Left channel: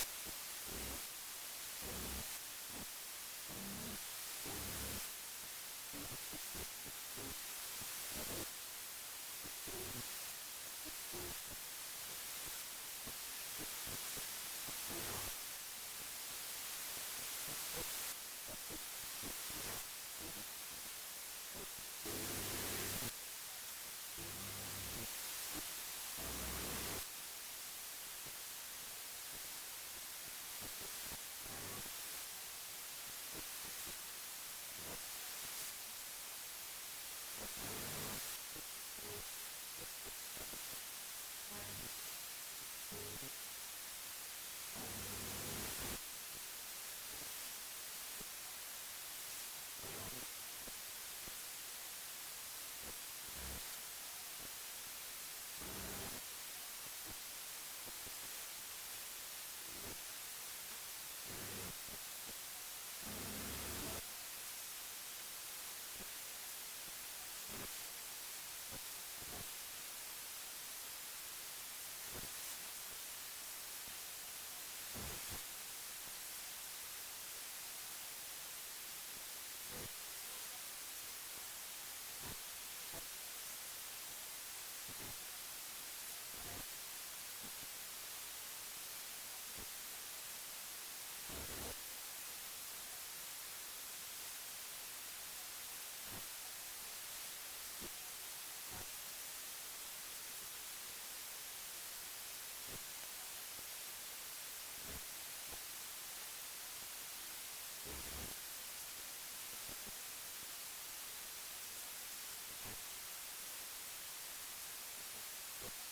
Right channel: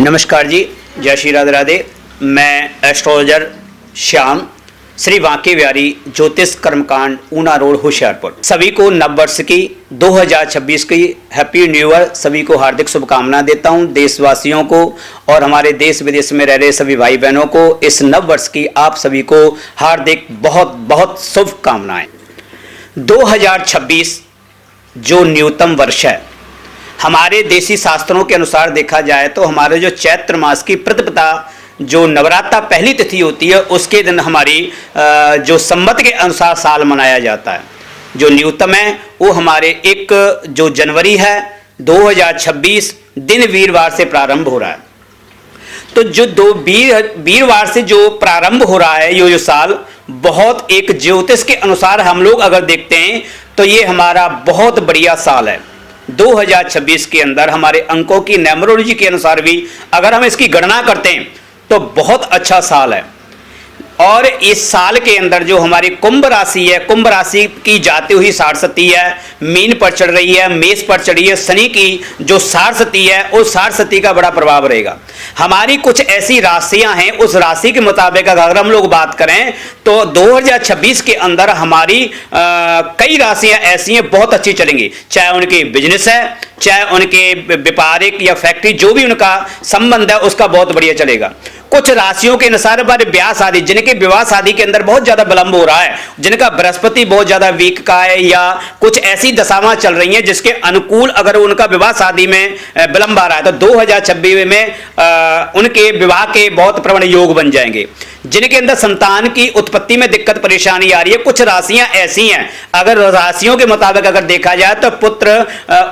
नमस्कार जी, जय श्री राधे राधे। मैं एस्ट्रोलॉजर श्याम, श्री बांके बिहारी ज्योतिष कर्मकांड, ऊना रोड, होशियारपुर। सभी को नववर्ष की 2026 की हैप्पी न्यू ईयर सभी को हार्दिक शुभकामनाएं देता हूं। देशवासियों को और हमारे देश विदेश में रह रहे सभी भाई बहनों को इस नववर्ष की आप सभी को हार्दिक बहुत बहुत शुभकामनाएं। 2026 जो न्यूनतम वर्ष है, हमारे देसी शास्त्रों के अनुसार देखा जाए तो हमारे जो चैत्र मास की प्रतिपदा जो नवरात्रा पहली तिथि होती है उसके दिन हमारी जो संवत के अनुसार साल मनाया जाता है। जो न्यूनतम है वो हमारे 1 जो जनवरी है 2026 दिन वीरवार से प्रारंभ हो रहा है। तो जो वीरवार से जो प्रारंभ हो रहा है ये जो साल बहुत एक ज्योतिष के अनुसार हम लोग अगर देखते हैं तो ये हमारा बहुत बढ़िया साल है। 2026 के अंदर हमारे अंकों की न्यूमरोलॉजी के अनुसार भी अगर हम इसकी गणना करते हैं तो बहुत अच्छा साल है। और इस साल के अंदर जो हमारी कुंभ राशि है, कुंभ राशि की जाती हुई सारस्वती है, मीन पर चढ़ रही है, मेष पर चढ़ी है, शनि की जो सारस्वती है उस सारस्वती का बड़ा प्रभाव रहेगा। हमारी कुछ ऐसी राशियां हैं, उस राशि के मुताबिक अगर हम लोग बात करें तो 2026 के अंदर हमारी कई राशियां ऐसी हैं बहुत अच्छी चलेंगी। चाहे उनकी बिजनेस है, चाहे उनके व्यापारिक या फैक्ट्री जो भी उनका संबंध है उसका बहुत बढ़िया चलेगा। कुछ राशियों के अनुसार हमारे ब्याह शादी, जिनके विवाह शादी के अंदर बहुत ज्यादा विलंब हो रहा है, जिनका बृहस्पति बहुत ज्यादा वीक का है या कुछ ऐसी दशाएं चल रही हैं जिसके अनुकूल अगर उनका विवाह शादी में विलंब आ रहा है तो 2026 में उनके विवाह के बहुत प्रबल योग बन जाएंगे। जिनके अंदर संतान की उत्पत्ति में दिक्कत परेशानी आ रही है, कुछ राशियां ऐसी हैं अगर राशियों के मुताबिक अगर देखा जाए तो पुत्र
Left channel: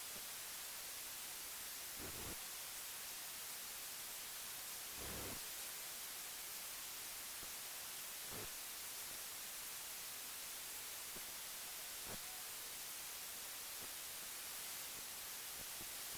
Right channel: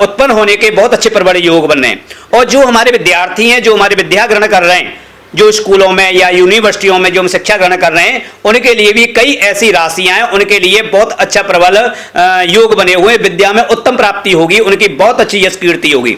उत्पन्न होने के बहुत अच्छे प्रबल योग बन रहे हैं। और जो हमारे विद्यार्थी हैं, जो हमारे विद्या ग्रहण कर रहे हैं, जो स्कूलों में या यूनिवर्सिटियों में जो हम शिक्षा ग्रहण कर रहे हैं, उनके लिए भी कई ऐसी राशियां हैं, उनके लिए बहुत अच्छा प्रबल योग बने हुए, विद्या में उत्तम प्राप्ति होगी, उनकी बहुत अच्छी यश कीर्ति होगी।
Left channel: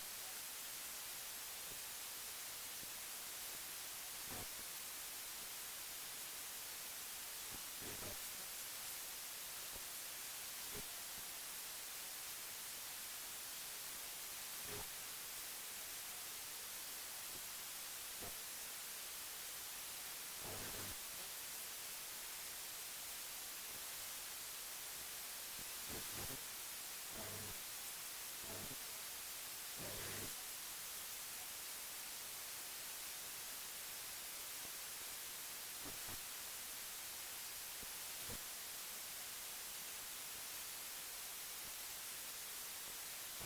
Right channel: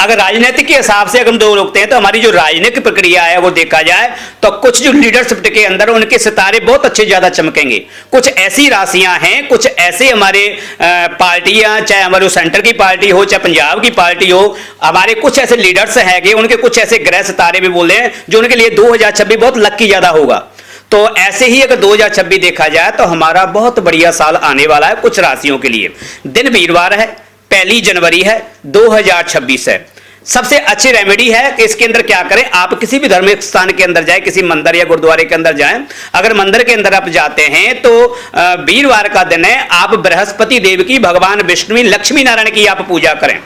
अगर राजनीतिक के हिसाब से अगर हम दो लोग हैं तो हमारी जो राजनीतिक प्रक्रिया है वो देखा जाए तो कुछ जो लीडरशिप के अंदर उनके सितारे बहुत अच्छे ज्यादा चमकेंगे। कुछ ऐसी राशियां हैं, कुछ ऐसे हमारे पार्टियां, चाहे हमारे सेंटर की पार्टी हो चाहे पंजाब की पार्टी हो, हमारे कुछ ऐसे लीडर्स हैं, उनके कुछ ऐसे ग्रह सितारे भी बोल रहे हैं जो उनके लिए 2026 बहुत लकी ज्यादा होगा। तो ऐसे ही अगर 2026 देखा जाए तो हमारा बहुत बढ़िया साल आने वाला है कुछ राशियों के लिए। दिन वीरवार है, 1 जनवरी है, 2026 है। सबसे अच्छी रेमेडी है कि इसके अंदर क्या करें, आप किसी भी धार्मिक स्थान के अंदर जाएं, किसी मंदिर या गुरुद्वारे के अंदर जाएं। अगर मंदिर के अंदर आप जाते हैं तो वीरवार का दिन है, आप बृहस्पति देव की, भगवान विष्णु, लक्ष्मी नारायण की आप पूजा करें।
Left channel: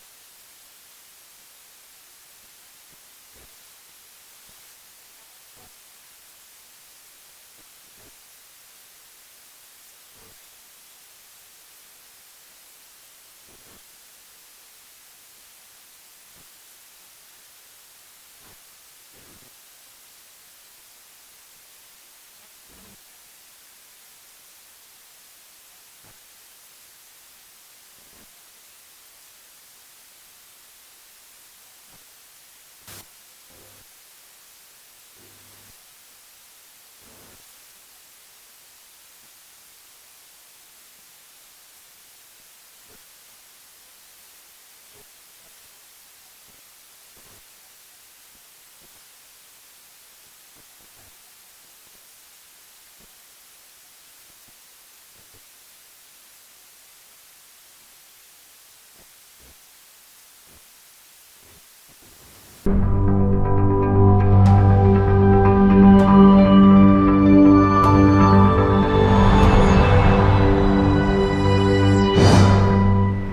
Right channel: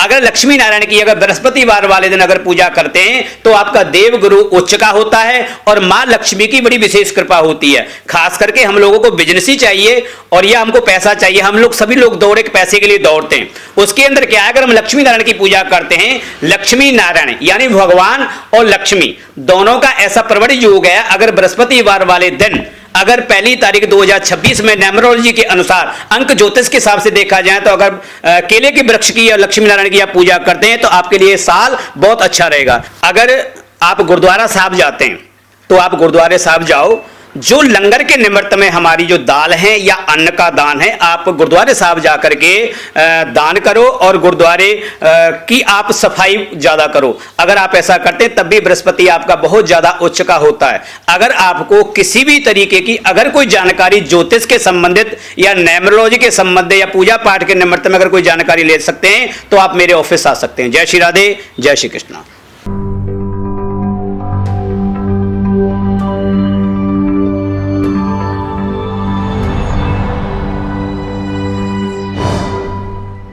अगर लक्ष्मी नारायण की अगर बृहस्पतिवार वाले दिन अगर पूजा करते हैं तो आपका देव गुरु उच्च का होता है और मां लक्ष्मी की बड़ी विशेष कृपा होती है। खास करके हम लोगों को बिजनेस ही चाहिए और या हमको पैसा चाहिए, हम लोग सभी लोग दौड़े पैसे के लिए दौड़ते हैं। उसके अंदर क्या है, अगर हम लक्ष्मी नारायण की पूजा करते हैं, लक्ष्मी नारायण यानी भगवान और लक्ष्मी दोनों का ऐसा प्रबल योग है। अगर बृहस्पतिवार वाले दिन अगर 1 तारीख 2026 में न्यूमरोलॉजी के अनुसार अंक ज्योतिष के हिसाब से देखा जाए तो अगर केले के वृक्ष की या लक्ष्मी नारायण की आप पूजा करते हैं तो आपके लिए साल बहुत अच्छा रहेगा। अगर आप गुरुद्वारा साहब जाते हैं तो आप गुरुद्वारे साहब जाओ, जो लंगर के निमित्त में हमारी जो दाल है या अन्न का दान है, आप गुरुद्वारे साहब जाकर के दान करो और गुरुद्वारे की आप सफाई ज्यादा करो। अगर आप ऐसा करते हैं तब भी बृहस्पति आपका बहुत ज्यादा उच्च का होता है। अगर आपको किसी भी तरीके की अगर कोई जानकारी ज्योतिष के संबंधित या न्यूमरोलॉजी के संबंधित या पूजा पाठ के निमित्त में अगर कोई जानकारी ले सकते हैं तो आप मेरे ऑफिस आ सकते हैं। जय श्री राधे, जय श्री कृष्णा।